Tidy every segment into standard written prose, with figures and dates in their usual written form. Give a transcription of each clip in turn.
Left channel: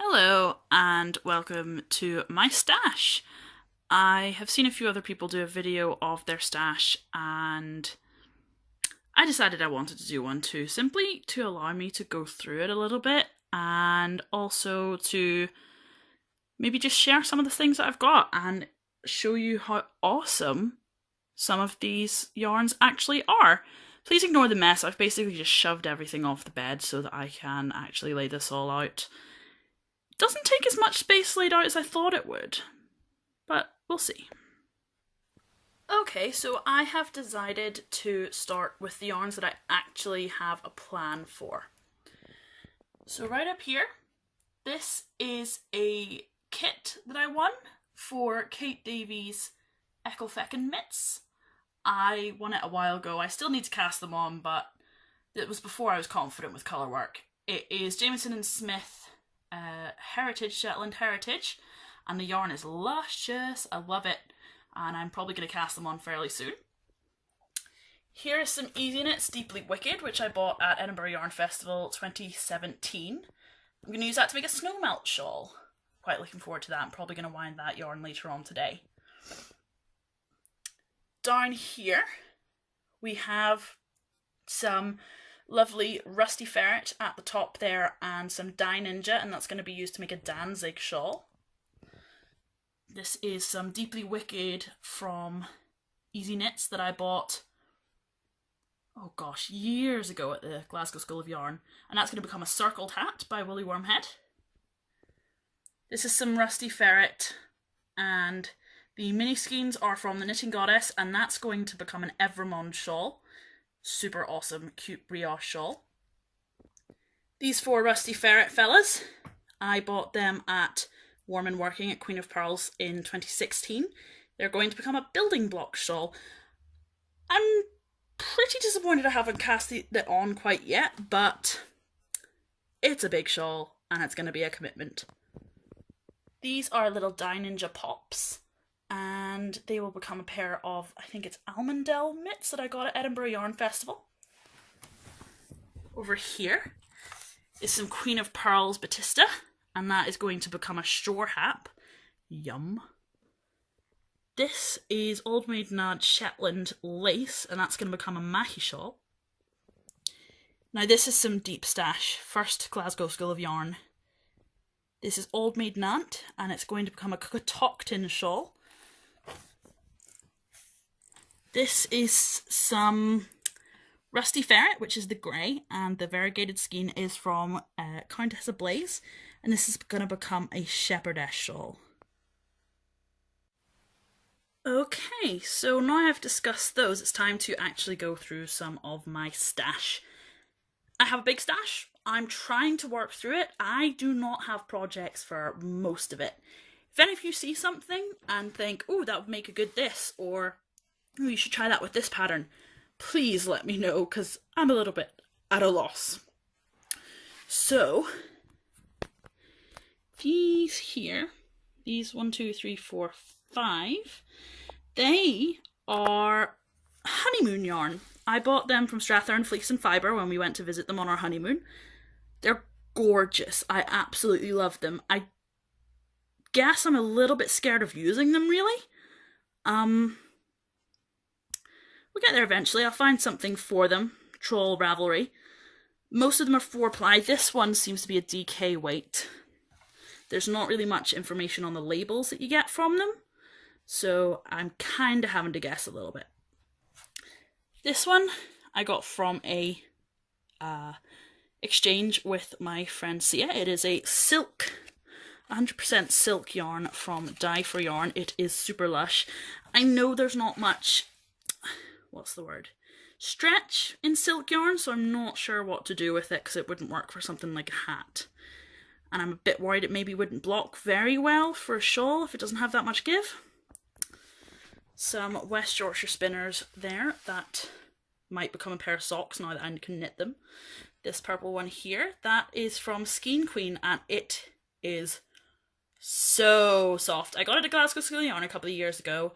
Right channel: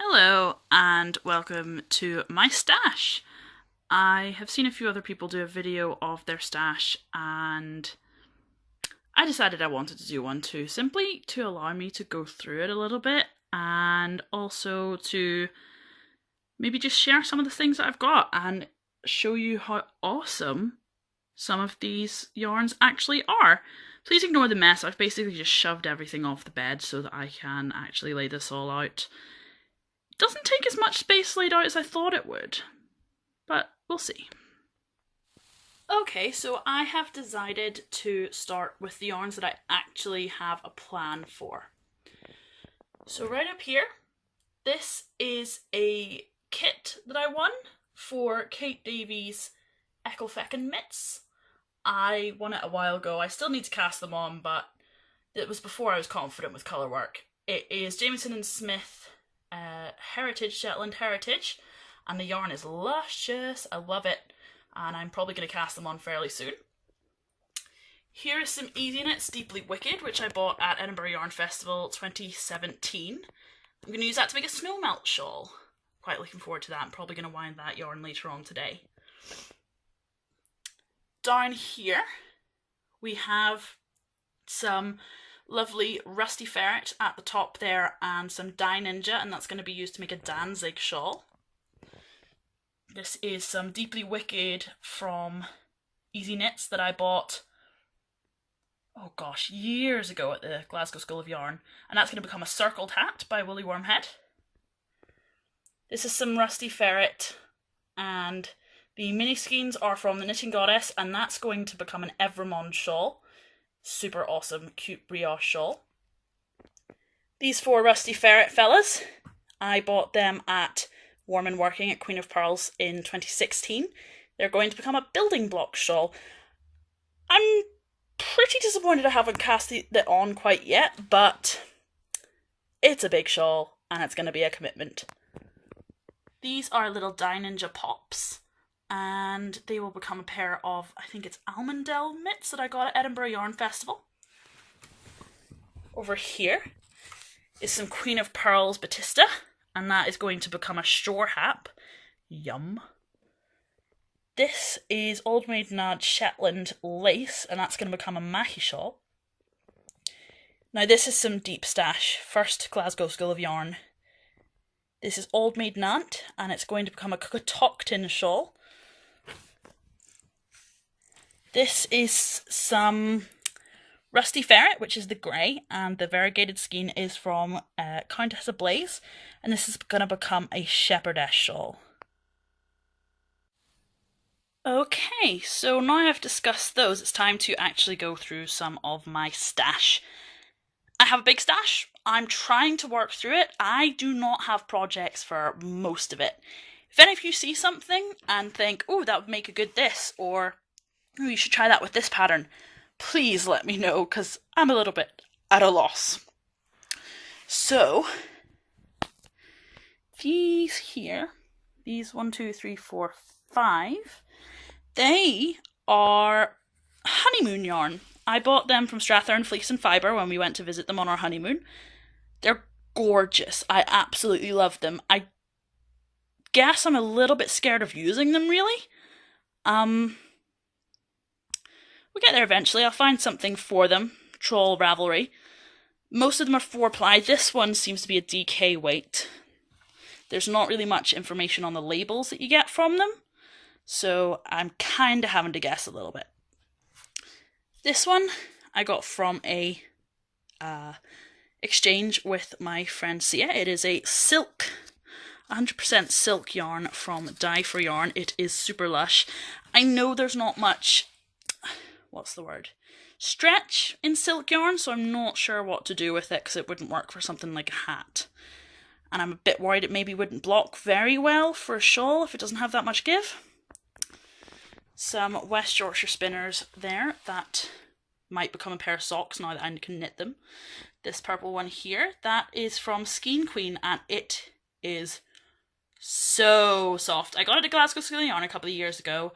Hello and welcome to my stash. I have seen a few other people do a video of their stash and I decided I wanted to do one too, simply to allow me to go through it a little bit and also to maybe just share some of the things that I've got and show you how awesome some of these yarns actually are. Please ignore the mess. I've basically just shoved everything off the bed so that I can actually lay this all out. Doesn't take as much space laid out as I thought it would, but we'll see. Okay, so I have decided to start with the yarns that I actually have a plan for. So right up here, this is a kit that I won for Kate Davies' Eckelfecken mitts. I won it a while ago. I still need to cast them on, but it was before I was confident with colour work. It is Jamieson and Smith Heritage, Shetland Heritage, and the yarn is luscious. I love it, and I'm probably going to cast them on fairly soon. Here is some Easy Knits Deeply Wicked, which I bought at Edinburgh Yarn Festival 2017. I'm going to use that to make a snow melt shawl. Quite looking forward to that. I'm probably going to wind that yarn later on today. Down here we have some lovely Rusty Ferret at the top there and some Dye Ninja, and that's going to be used to make a Danzig shawl. This is some Deeply Wicked from Easy Knits that I bought, oh gosh, years ago at the Glasgow School of Yarn, and that's going to become a circled hat by Woolly Wormhead. This is some Rusty Ferret, and the mini skeins are from the Knitting Goddess, and that's going to become an Evremond shawl. Super awesome, cute brioche shawl. These four Rusty Ferret fellas, I bought them at Warm and Working at Queen of Pearls in 2016. They're going to become a building block shawl. I'm pretty disappointed I haven't cast it on quite yet, but it's a big shawl and it's going to be a commitment. These are little Dye Ninja pops, and they will become a pair of, I think it's Almondel mitts that I got at Edinburgh Yarn Festival. Over here is some Queen of Pearls Batista, and that is going to become a straw hat. Yum. This is Old Maid Nad Shetland lace, and that's going to become a Mahi shawl. Now this is some deep stash. First Glasgow School of Yarn. This is Old Maid Nant, and it's going to become a Cockatoctin shawl. This is some Rusty Ferret, which is the grey, and the variegated skein is from Countess Ablaze, and this is going to become a shepherdess shawl. Okay, so now I've discussed those, it's time to actually go through some of my stash. I have a big stash. I'm trying to work through it. I do not have projects for most of it. If any of you see something and think, oh, that would make a good this, or oh, you should try that with this pattern, please let me know, because I'm a little bit at a loss. So, these here, these 1, 2, 3, 4, 5, they are Honeymoon Yarn. I bought them from Strathern Fleece and Fibre when we went to visit them on our honeymoon. They're gorgeous. I absolutely love them. I guess I'm a little bit scared of using them, really. We'll get there eventually. I'll find something for them. Troll Ravelry. Most of them are 4-ply. This one seems to be a DK weight. There's not really much information on the labels that you get from them, so I'm kind of having to guess a little bit. This one I got from a exchange with my friend Sia. It is a silk, 100% silk yarn from Dye for Yarn. It is super lush. I know there's not much, what's the word, stretch in silk yarn, so I'm not sure what to do with it because it wouldn't work for something like a hat. And I'm a bit worried it maybe wouldn't block very well for a shawl if it doesn't have that much give. Some West Yorkshire spinners there that might become a pair of socks now that I can knit them. This purple one here, that is from Skein Queen, and it is so soft. I got it at Glasgow School of Yarn a couple of years ago,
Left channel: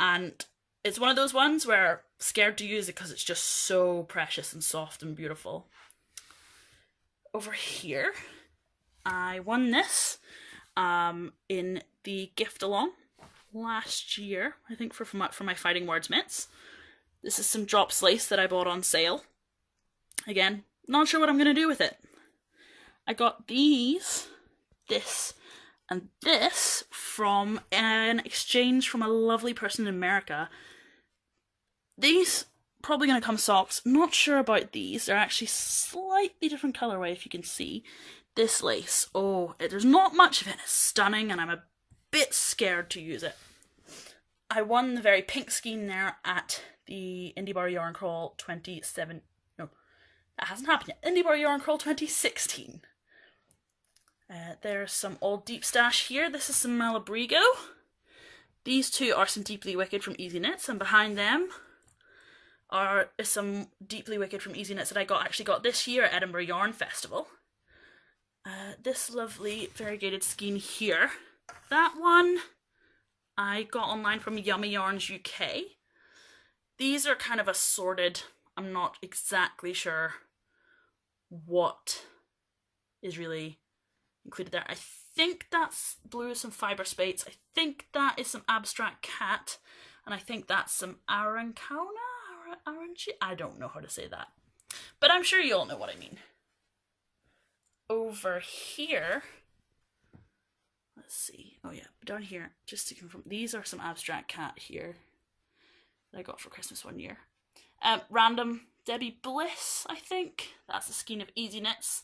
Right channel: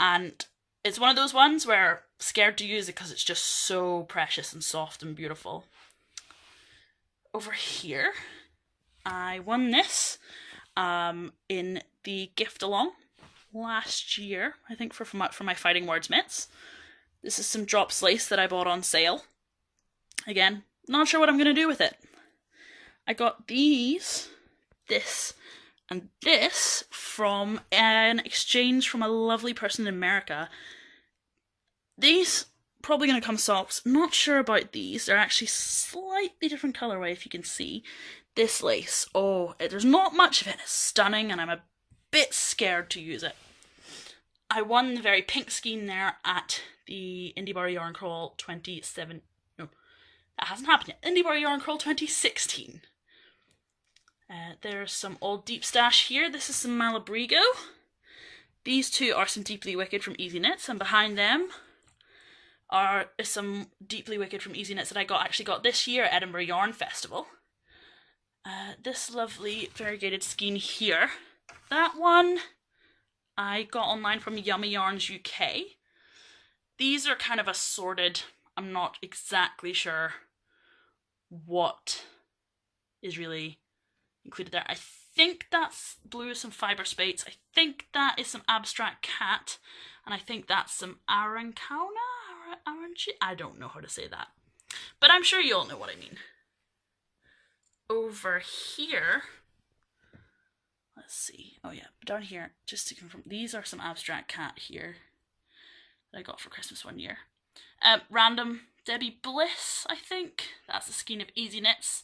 and it's one of those ones where I'm scared to use it because it's just so precious and soft and beautiful. Over here, I won this in the gift along last year, I think, for my Fighting Words mitts. This is some drops lace that I bought on sale. Again, not sure what I'm going to do with it. I got this, and this from an exchange from a lovely person in America. These probably going to come socks. Not sure about these. They're actually slightly different colorway, if you can see. This lace, there's not much of it. It's stunning, and I'm a bit scared to use it. I won the very pink skein there at the Indie Bar Yarn Crawl 27. No, that hasn't happened yet. Indie Bar Yarn Crawl 2016. There's some old deep stash here. This is some Malabrigo. These two are some Deeply Wicked from Easy Knits, and behind them is some Deeply Wicked from Easy Knits that I actually got this year at Edinburgh Yarn Festival. This lovely variegated skein here. That one I got online from Yummy Yarns UK. These are kind of assorted. I'm not exactly sure what is really included there. I think that's blue with some fibre spates. I think that is some Abstract Cat. And I think that's some Arancana? I don't know how to say that. But I'm sure you all know what I mean. Over here, let's see. Oh yeah, down here, just to confirm, these are some Abstract Cat here that I got for Christmas one year. Random Debbie Bliss, I think. That's a skein of Easy Knits.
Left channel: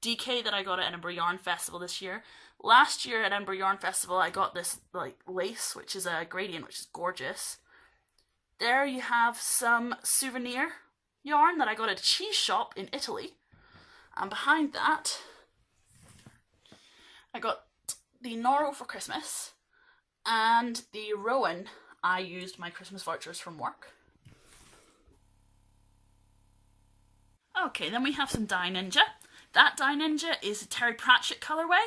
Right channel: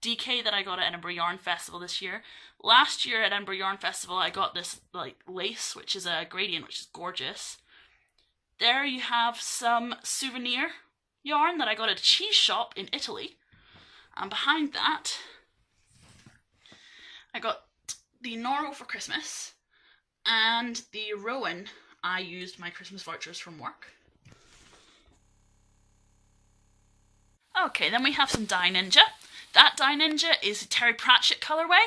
DK that I got at Edinburgh Yarn Festival this year. Last year at Edinburgh Yarn Festival, I got this like lace, which is a gradient, which is gorgeous. There you have some souvenir yarn that I got at a cheese shop in Italy. And behind that, I got the Noro for Christmas and the Rowan. I used my Christmas vouchers from work. Okay, then we have some Dye Ninja. That Dye Ninja is a Terry Pratchett colourway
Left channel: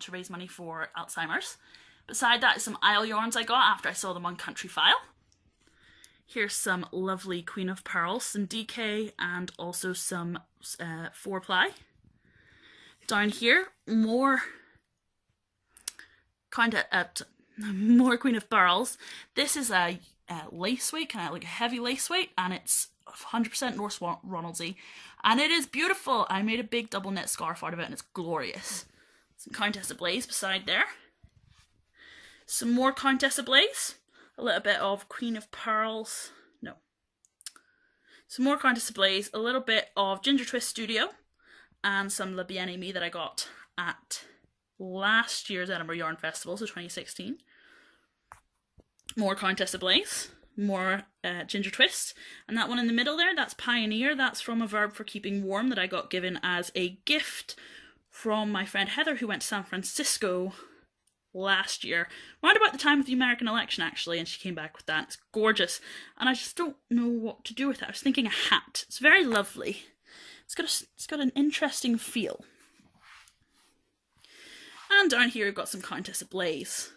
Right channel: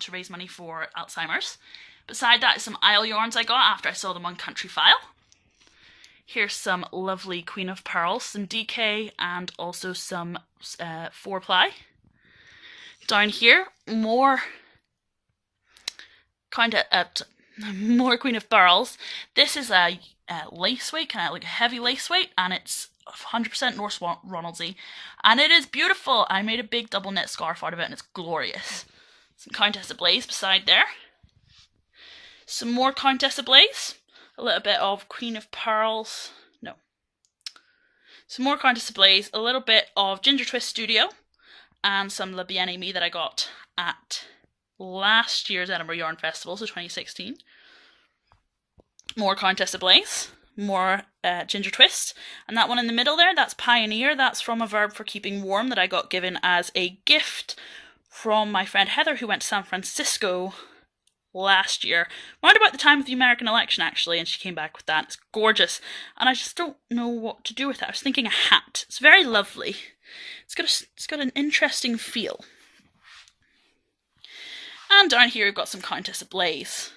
to raise money for Alzheimer's. Beside that is some Isle yarns I got after I saw them on Country File. Here's some lovely Queen of Pearls, some DK, and also some 4-ply. Down here, more Queen of Pearls. This is a lace weight, kind of like a heavy lace weight, and it's 100% Norse Ronaldsy, and it is beautiful. I made a big double knit scarf out of it, and it's glorious. Some Countess of Blaze beside there. Some more Countess of Blaze. A little bit of Queen of Pearls. No. Some more Countess of Blaze. A little bit of Ginger Twist Studio. And some La Bien-Aimée that I got at last year's Edinburgh Yarn Festival, so 2016. More Countess of Blaze. More Ginger Twist. And that one in the middle there, that's Pioneer. That's from a Verb for Keeping Warm that I got given as a gift from my friend Heather, who went to San Francisco last year, around about the time of the American election actually, and she came back with that. It's gorgeous, and I just don't know what to do with it. I was thinking a hat. It's very lovely. It's got an interesting feel. And down here we've got some Countess of Blaze.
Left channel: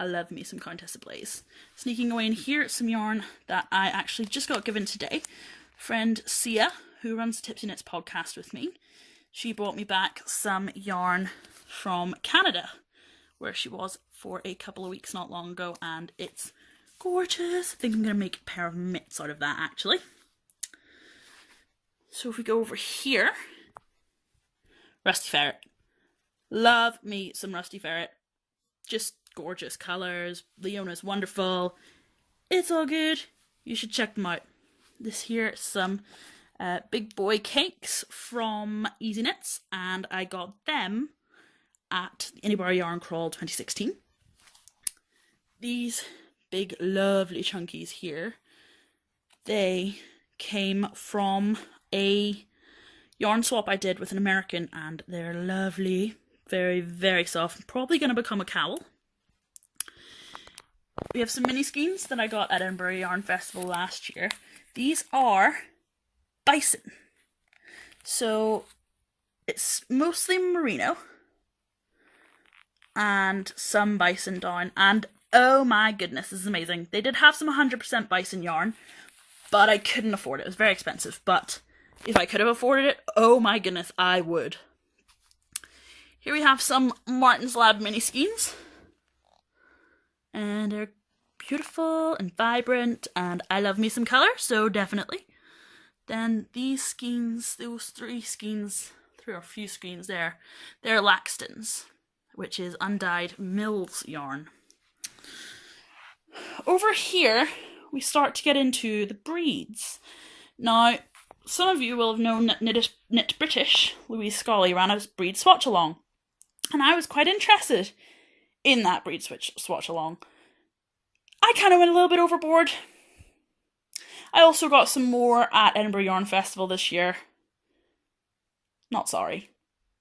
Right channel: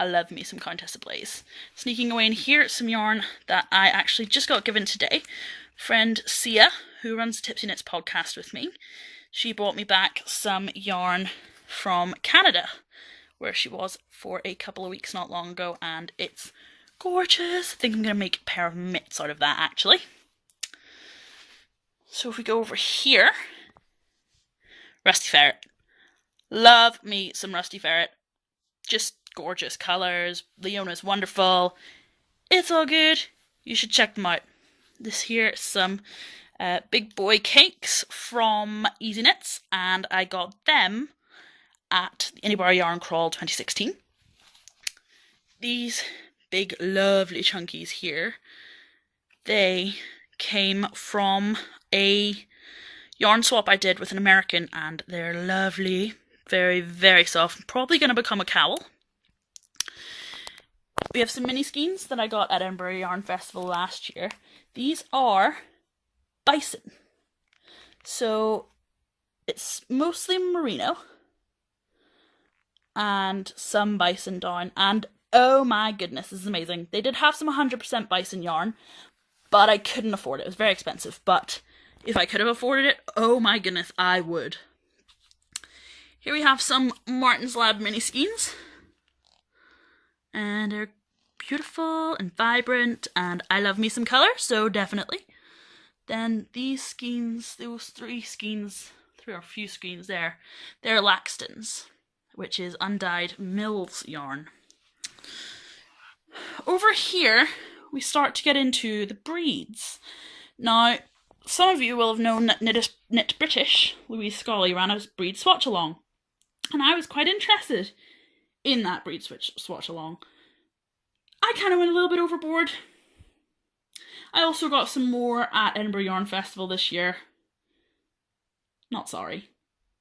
I love me some Countess of Blaze. Sneaking away in here, some yarn that I actually just got given today. Friend Sia, who runs the Tipsy Knits Podcast with me, she brought me back some yarn from Canada, where she was for a couple of weeks not long ago, and it's gorgeous. I think I'm going to make a pair of mitts out of that, actually. So if we go over here, Rusty Ferret. Love me some Rusty Ferret. Just gorgeous colours. Leona's wonderful. It's all good. You should check them out. This here is some big boy cakes from Easy Knits, and I got them at the Indie Bar Yarn Crawl 2016. These big lovely chunkies here, they came from a yarn swap I did with an American, and they're lovely, very, very soft. Probably going to become a cowl. We have some mini skeins that I got at Edinburgh Yarn Festival last year. These are bison. So it's mostly merino and some bison down, and oh my goodness, this is amazing. They did have some 100% bison yarn, but I couldn't afford it. It was very expensive, but if I could have afforded it, oh my goodness, I would. Here we have some Martin's Lab mini skeins. And they're beautiful and vibrant, and I love me some colour, so definitely. Then these skeins, those three or few skeins there, they're Laxton's, which is undyed Mills yarn. Over here, we start to get into the breeds. Now, some of you will have known that Knit British, Louise Scully, ran a breed swatch along, and I was quite interested in that breed swatch along. I kind of went a little bit overboard. I also got some more at Edinburgh Yarn Festival this year. Not sorry.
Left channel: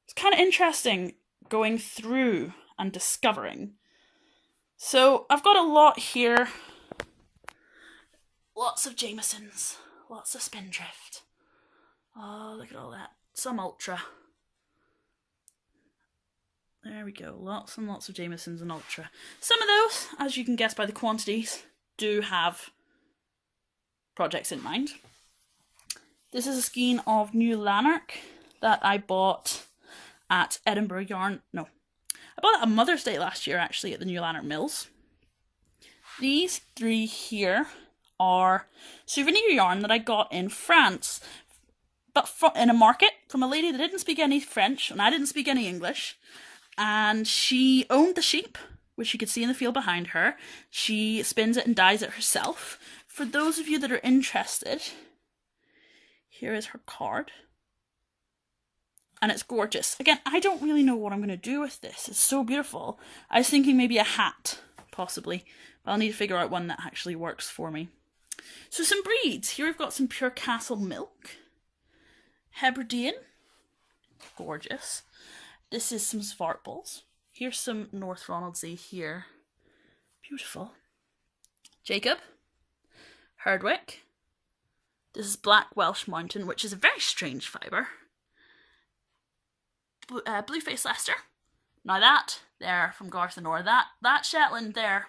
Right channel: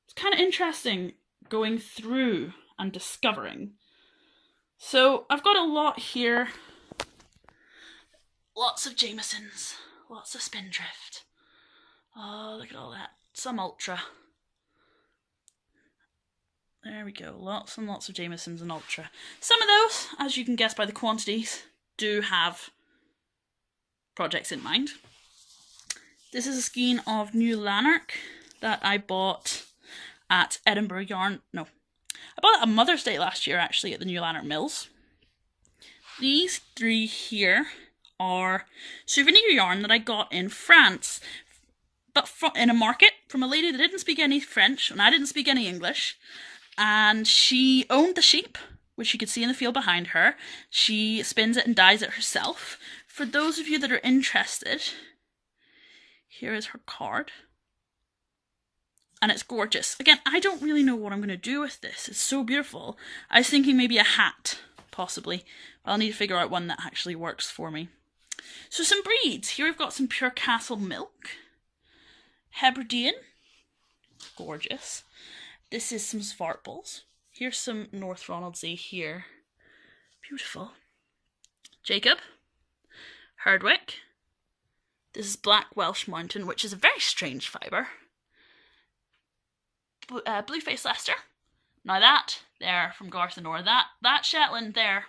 It's kind of interesting going through and discovering. So I've got a lot here. Lots of Jamiesons. Lots of Spindrift. Oh, look at all that. Some Ultra. There we go. Lots and lots of Jamiesons and Ultra. Some of those, as you can guess by the quantities, do have projects in mind. This is a skein of New Lanark that I bought at Edinburgh Yarn. No, I bought it on Mother's Day last year, actually, at the New Lanark Mills. These three here are souvenir yarn that I got in France, but in a market from a lady that didn't speak any French, and I didn't speak any English, and she owned the sheep, which you could see in the field behind her. She spins it and dyes it herself. For those of you that are interested, here is her card. And it's gorgeous. Again, I don't really know what I'm going to do with this. It's so beautiful. I was thinking maybe a hat, possibly. But I'll need to figure out one that actually works for me. So some breeds. Here we've got some Pure Castle Milk. Hebridean. Gorgeous. This is some Svartbols. Here's some North Ronaldsay here. Beautiful. Jacob. Herdwick. This is Black Welsh Mountain, which is a very strange fibre. Blueface Leicester. Now that, there, from Garth and Nor, that Shetland there,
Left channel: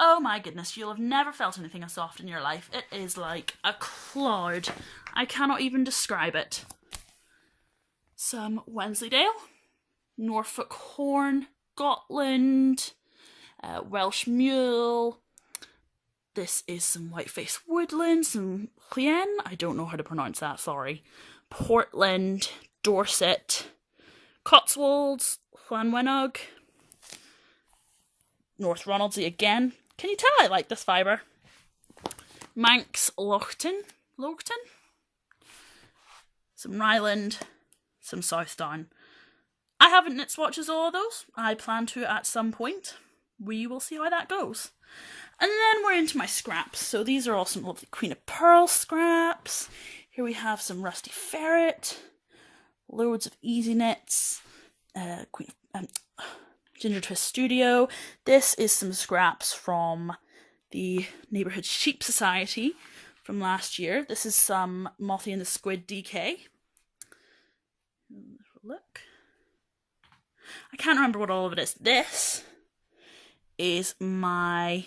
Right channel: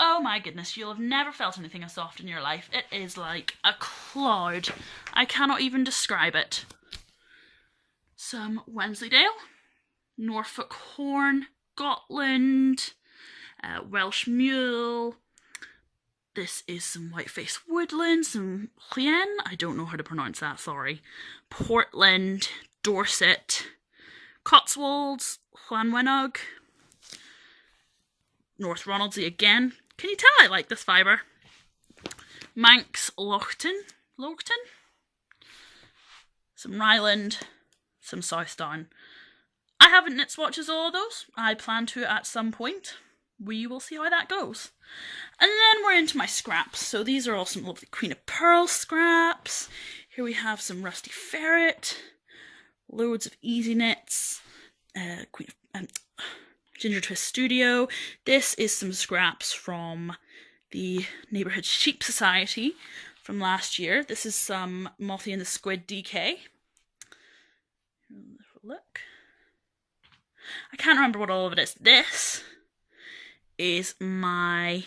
oh my goodness, you'll have never felt anything as soft in your life. It is like a cloud. I cannot even describe it. Some Wensleydale, Norfolk Horn, Gotland, Welsh Mule. This is some Whiteface Woodland, some Llien, I don't know how to pronounce that, sorry. Portland, Dorset, Cotswolds, Llanwenog, North Ronaldsay again. Can you tell I like this fibre? Manx Loughton, some Ryland, some Southdown. I haven't knit swatches all of those. I plan to at some point. We will see how that goes. And then we're into my scraps. So these are all some lovely Queen of Pearl scraps. Here we have some Rusty Ferret, loads of Easy Knits, Ginger Twist Studio. This is some scraps from the Neighbourhood Sheep Society from last year. This is some Mothy and the Squid DK. Look. I can't remember what all of it is. This is my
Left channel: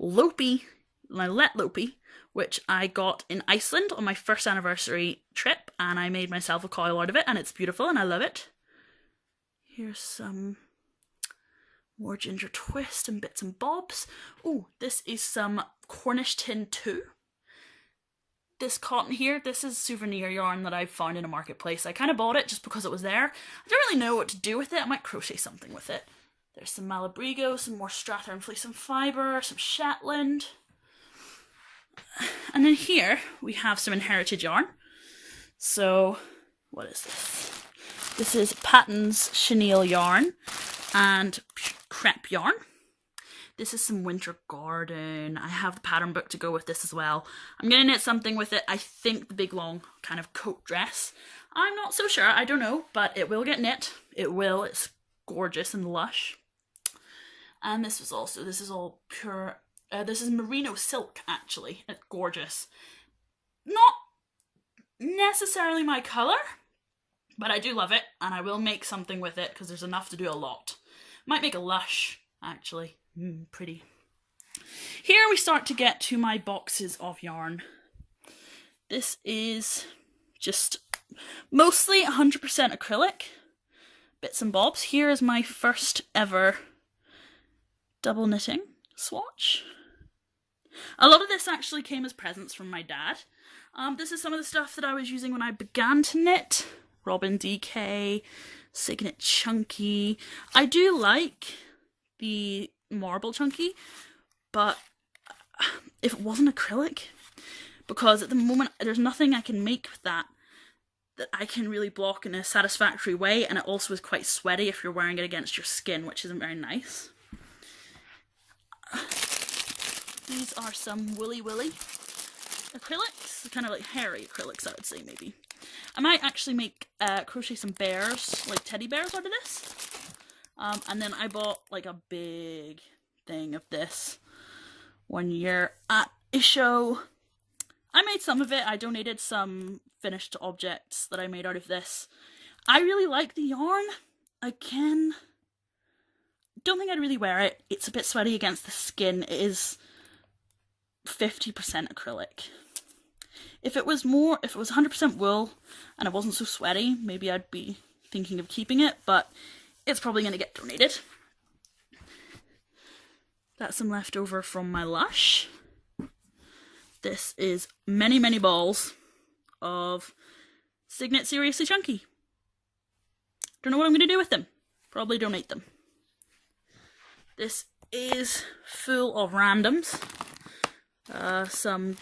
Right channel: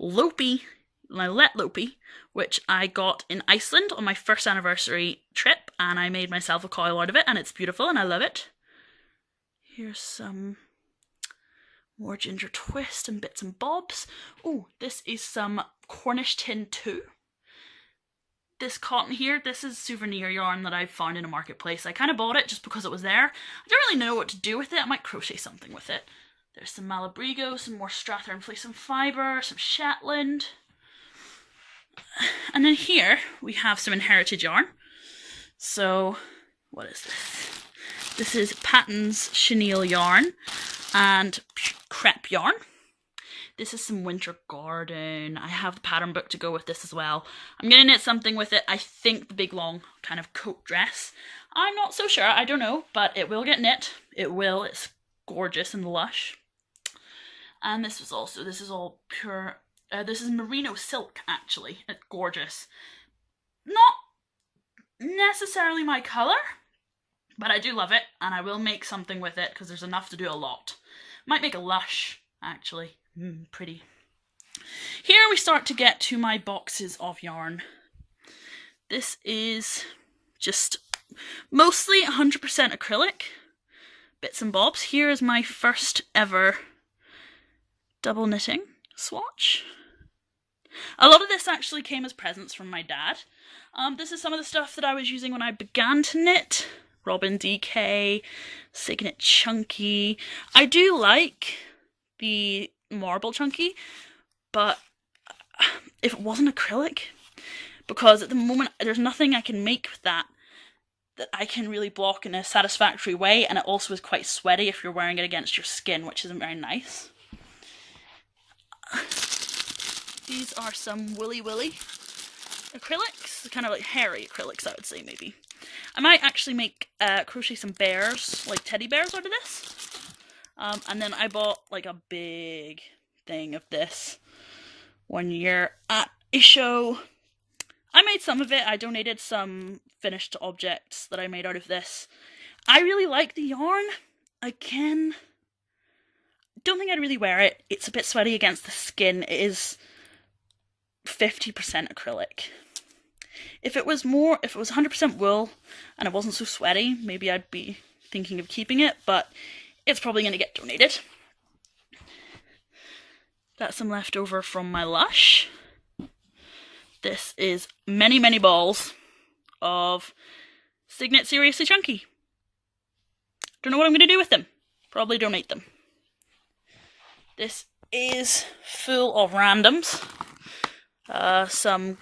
Lopi, my Let Lopi, which I got in Iceland on my first anniversary trip, and I made myself a coil out of it, and it's beautiful, and I love it. Here's some more Ginger Twist and bits and bobs. Oh, this is some Cornish Tin 2. This cotton here, this is souvenir yarn that I found in a marketplace. I kind of bought it just because it was there. I don't really know what to do with it. I might crochet something with it. There's some Malabrigo, some more Strathern Fleece and Fibre, some Shetland. And then here we have some inherited yarn. So, what is this? This is Patton's Chenille yarn and crepe yarn. This is some Winter Garden. I have the pattern book to go with this as well. I'm going to knit something with it. I think the big long kind of coat dress. I'm not so sure. I don't know, but it will get knit. It will. It's gorgeous and lush. And this is all pure, this is Merino Silk, actually. It's gorgeous. Not necessarily my colour, but I do love it, and I will make something with it, because there's enough to do a lot. Might make a lush, actually. Pretty. Here we start to get to my boxes of yarn. This is just mostly 100% acrylic. bits and bobs. Here is my first ever double knitting swatch. A lot of this actually came as presents from my dad. This is some of the stuff that I was using when I began to knit. Robin DK, Signet Chunky. I do like the marble chunky, but if it wasn't acrylic, because at the moment there's nothing I can make with that I can really block in a satisfactory way, and it also is quite sweaty if you're wearing it against your skin, which isn't very nice. These are some Willy Willy acrylics, kind of like hairy acrylics, I would say, maybe. I might actually make crochet some bears, like teddy bears out of this. And then I bought like a big thing of this one year at a show. I made some of it. I donated some finished objects that I made out of this. I really like the yarn. Again, don't think I'd really wear it. It's a bit sweaty against the skin. It is 50% acrylic. If it was 100% wool and it wasn't so sweaty, maybe I'd be thinking of keeping it, but it's probably going to get donated. That's some leftover from my Lush. This is many, many balls of Signet Seriously Chunky. Don't know what I'm going to do with them. Probably donate them. This is full of randoms. Some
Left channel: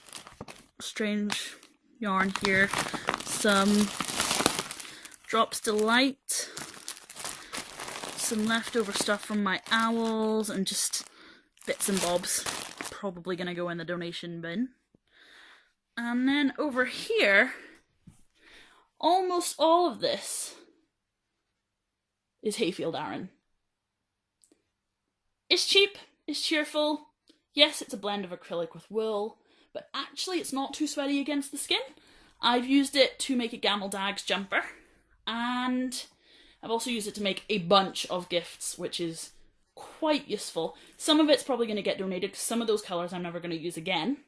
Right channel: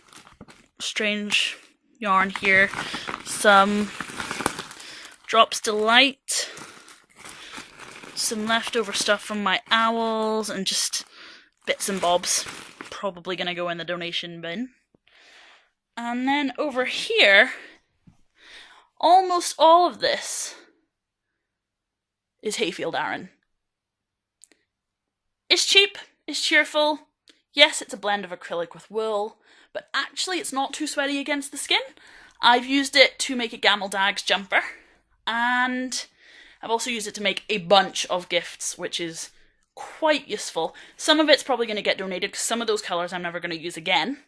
strange yarn here. Some Drops Delight. Some leftover stuff from my owls and just bits and bobs. Probably going to go in the donation bin. And then over here, almost all of this is Hayfield Aran. It's cheap, it's cheerful. Yes, it's a blend of acrylic with wool, but actually it's not too sweaty against the skin. I've used it to make a Gamel Dags jumper, and I've also used it to make a bunch of gifts, which is quite useful. Some of it's probably going to get donated because some of those colours I'm never going to use again.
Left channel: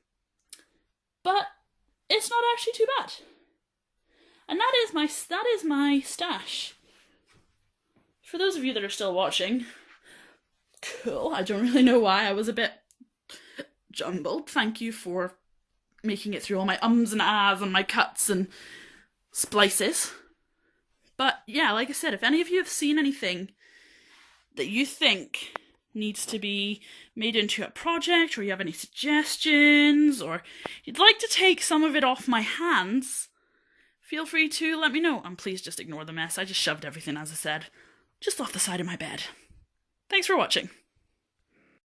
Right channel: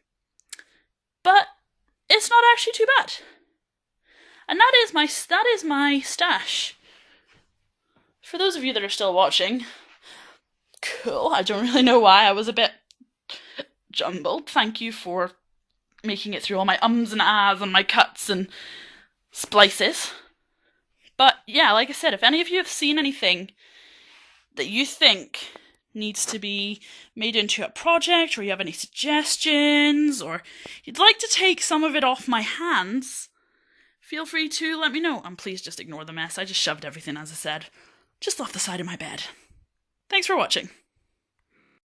But it's not actually too bad. And that is my stash. For those of you that are still watching, cool. I don't really know why I was a bit jumbled. Thank you for making it through all my ums and ahs and my cuts and splices. But yeah, like I said, if any of you have seen anything that you think needs to be made into a project, or you have any suggestions, or you'd like to take some of it off my hands, feel free to let me know. And please just ignore the mess. I just shoved everything, as I said, just off the side of my bed. Thanks for watching.